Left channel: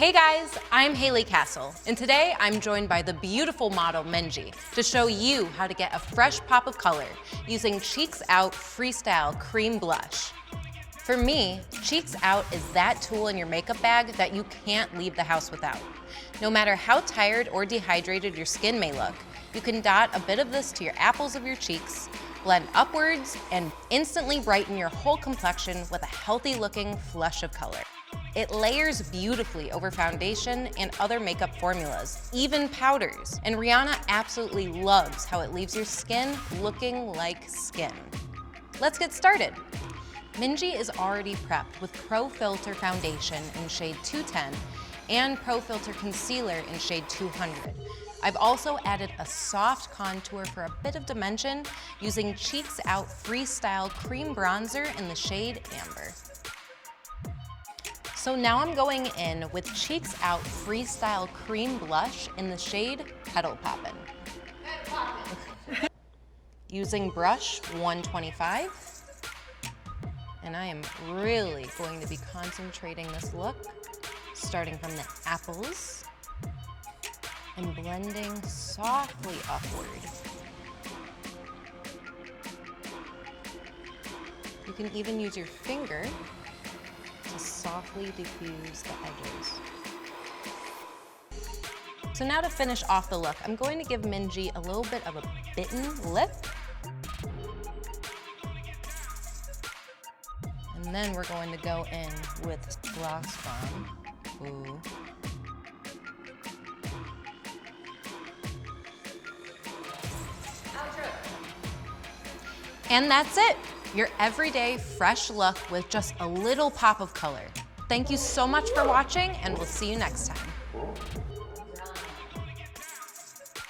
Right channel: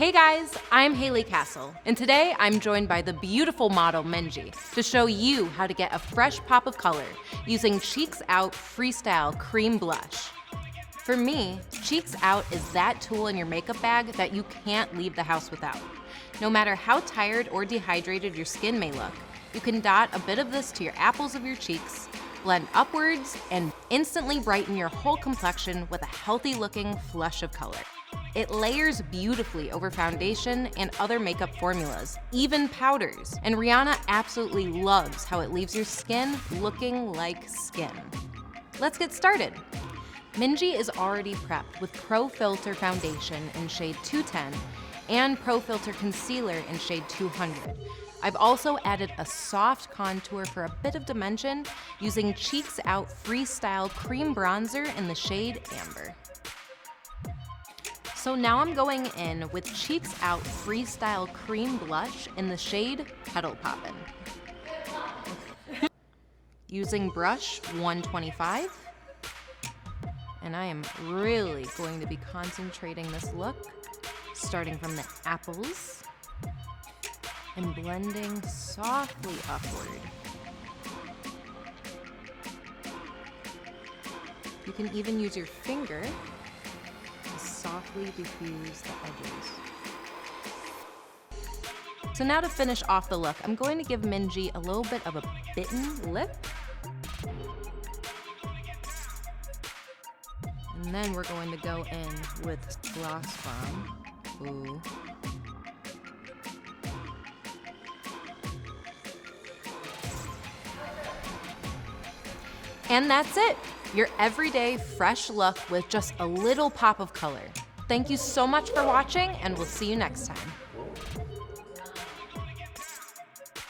Hey guys, I'm Haley Castle, and today I'm joined by the beautiful model Minji to show you how to get a fresh pop of color using Cheeks Out Freestyle Cream Blush. For me, Cheeks Out is that tool in your makeup bag that you can't leave the house without. No matter how tired or dehydrated your skin may look, you can dot a bit of this to your apples of your cheeks, blend upwards, and instantly brighten your whole complexion with a healthy-looking flush of color. It layers beautifully over foundation and other makeup formulas, even powders. And Rihanna absolutely loves how it leaves your skin looking like skin. Let's get started. Minji is already prepped with Pro Filter Foundation in shade 210 and Pro Filter Concealer in shade 200. I've also added a soft contour for a bit of dimension using Cheeks Out Freestyle Cream Bronzer in the shade Amber. So now I'm going in with Cheeks Out Freestyle Cream Blush in the shade Petal Poppin'. Using brush 125. And I am really going to be concentrating this look, starting from the apples and blending softly upward. You can even use your finger to softly diffuse the edges. So now to finish off the look, I'm going to give Minji a little bit of a bitten lip. And then we're going to go in with Gloss Bomb. Ooh. And that's it. Your everyday fresh look with just a little pop of color. Thank you so much for watching, and we'll see you next time.